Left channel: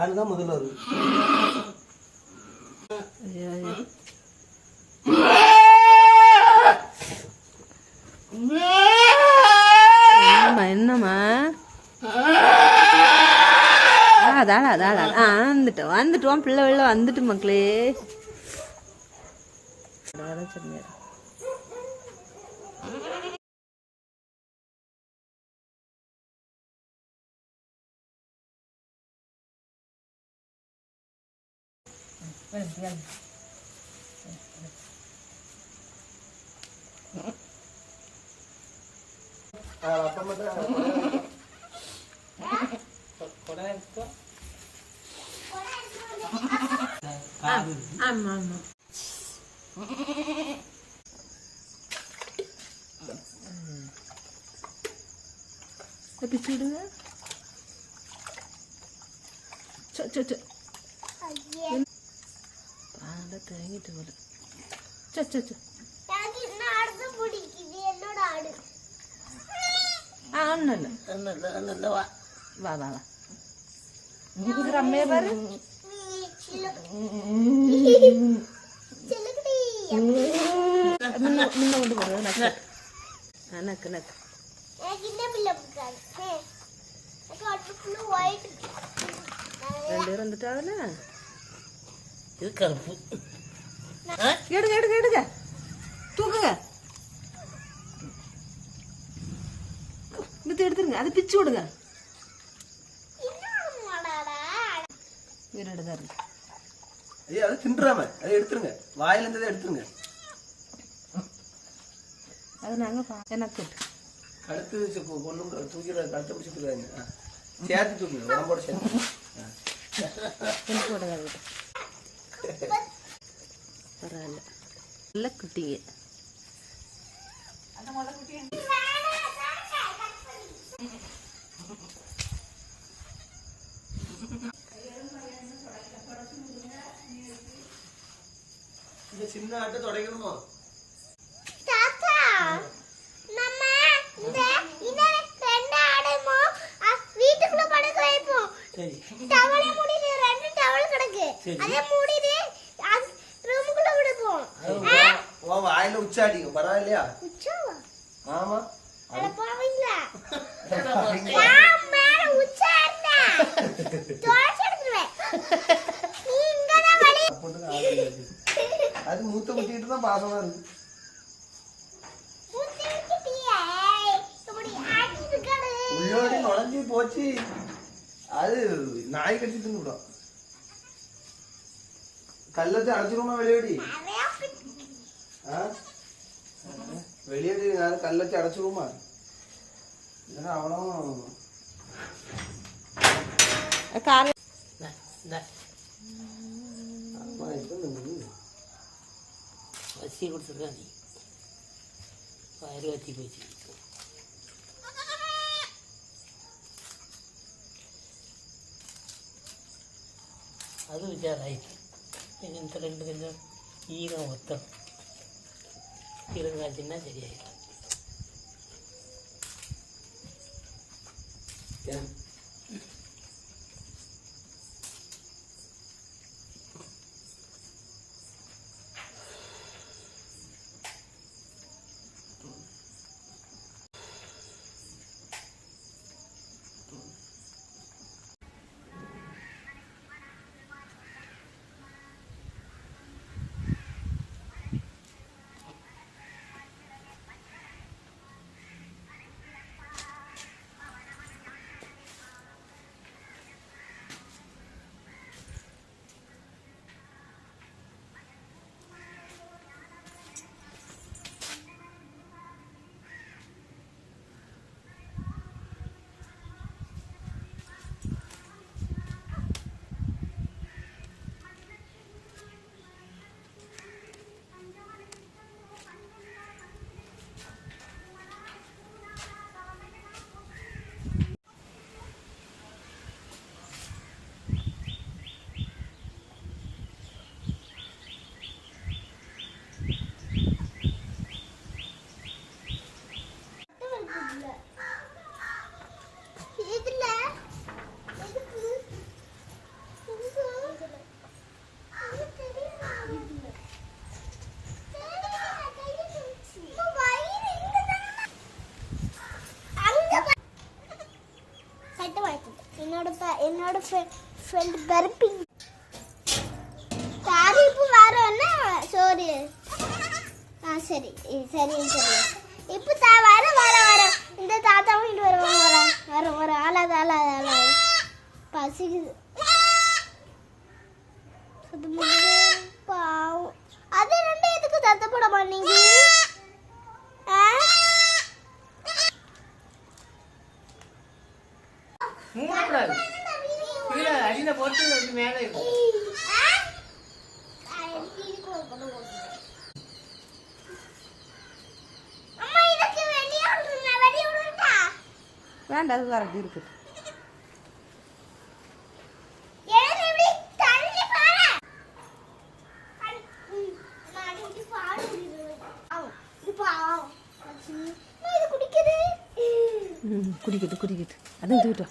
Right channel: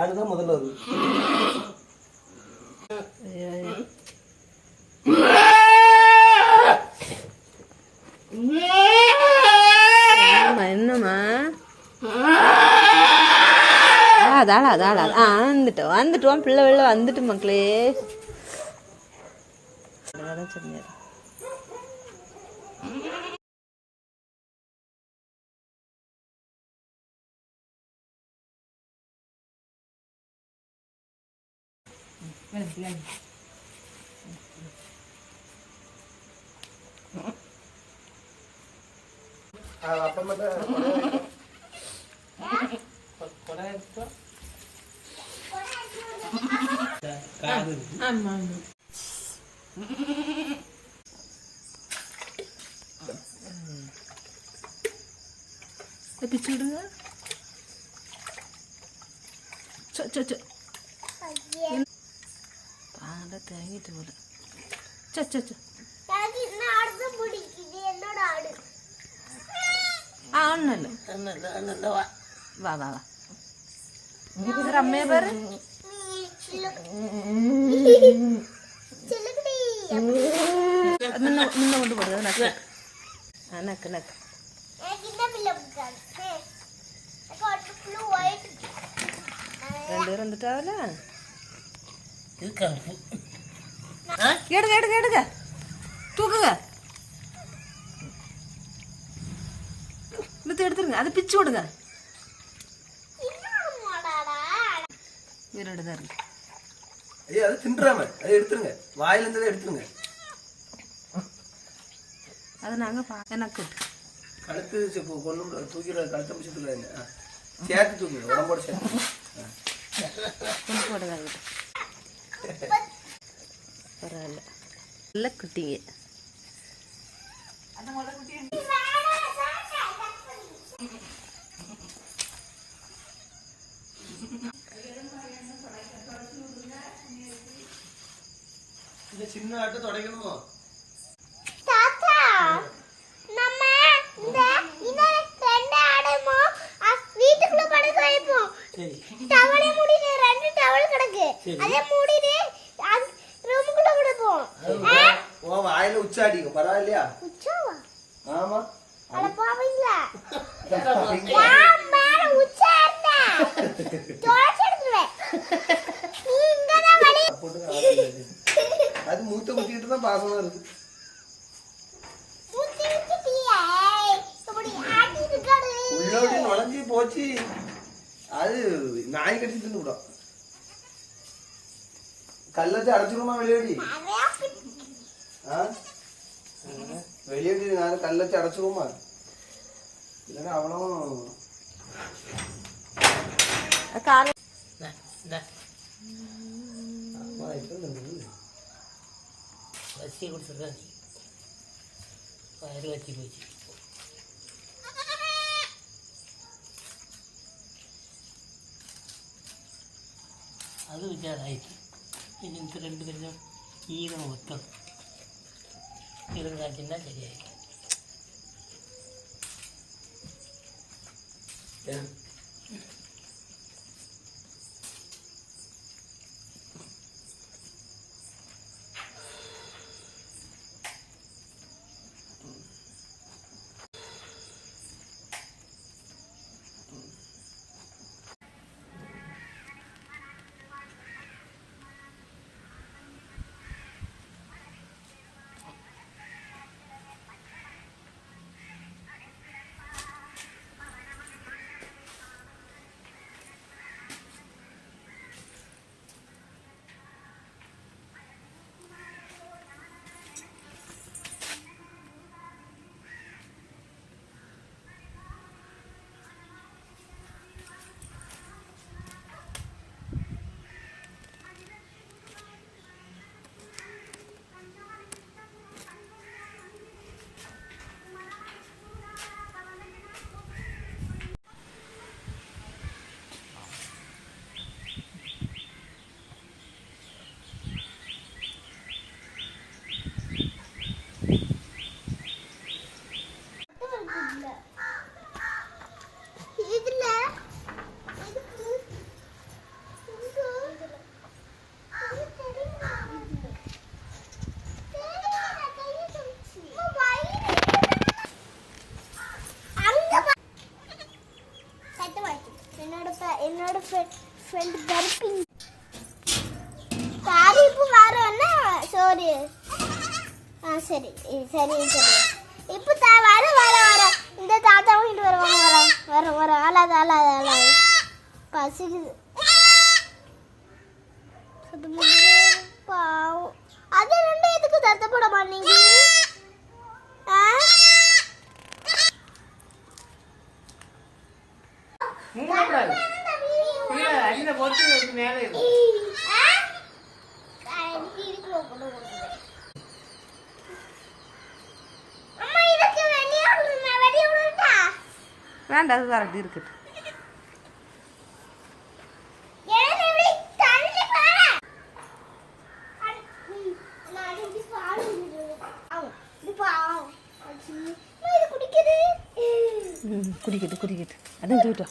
ஆளு தான் முதல்ல வருது. என்னம்மா அதாடா அதாடா ஆ வந்துட்டோம் வந்துட்டோம். பிள்ளை வெளில வந்துட்டு மக்களே. Đây là tiền. Harapan mo na. Kunahin ko. Kahoy. Ama mo. Tapi curu ya. Cok cok cok. തേങ്ങിട്ട് പോലെ ചൊച്ചു ആ അണ്ണല്ലോ വാ. വാ വാ അമ്മയെ പറ നിന്ന കൊണ്ട് പറ നക്ക്. ആ നക്ക് നക്ക്. രണ്ടുപേരും എന്തിട്ടാവല്ലേ எடுங்க எடுங்க எடுங்க. தூக்குங்க. இழுத்து எடுத்துருங்க. அதை பிச்சு விடுங்க. உயிரோடு தான் இருக்கு ஐயா அது தின்றாம. அதை எடுத்துருங்க. வாயில இருந்ததை எடுத்துருங்க. அது நாங்கள் பா எனக்கு. கழுத்து கொண்டு விட- தூக்கிட கழுத்தை பிடிச்சி தூக்காதீங்க ஆ. சேர்த்து தூக்குங்க. உடம்போட சேர்த்து. கொண்டு போடுங்க பரவாயில்ல. நல்ல குட்டிங்க. இந்த சின்ன ஆட்டை தொடக்கணுமோ தாத்தா நம்ம இந்த இந்த ரெண்டு ஆடுமோ வீட்டுக்குள்ள படுக்க வைப்போம். சரி. டவலை மூடிட்டு ரெண்டு டவல் கிடக்கு. அதை மூடிட்டு ஆமா. அட போவீங்களா? நான் மேல உச்சா இருந்தா? தோசை எடுத்துருவேன். நீ இங்கதான் வழி போட்டு ஆடுறது. அது மூத்த வச்சுட்டியே இப்படி ஆட்டி இருக்காடு உள்ளோடி நுழைஞ்சி போச்சு. அது நாய் கட்டி தின்னு விடும் கல்ல வச்சு அடைச்சிருமா வெளியேடி ஆ? വെളിയിട്ട് ഞാൻ കല്ലൊക്കെ അടച്ചു പോകുമ്പോ അത് വിചാരായിട്ട് ഇങ്ങനത്തെ രണ്ട് തന്നെ ഈ മൊത്തം இருங்காட்டின்னா சரியாயிடும். ஃப்ரெண்ட் தர்பிங் தாரிப்பு வரோன்னா சோறு ஆ சரி சரி சரி. இப்போ தா வர வர வர. இந்த தாத்தாவும் இட்டு வருவாங்க வர வர வர அழாது ஆளாத அழாது பசிக்குது. அது முடியுது பாவம் அது ரெண்டு எதுக்கு தத்தப்பட மாட்டீங்க? കല്ലിനെ പൊട്ടി നോക്കി മേലെ വേണ്ട അത് പറഞ്ഞു ഇരിക്കട്ടെ കുടിക്കട്ടെ കുടിക്കട്ടെ. അതും ചൂട്ടോ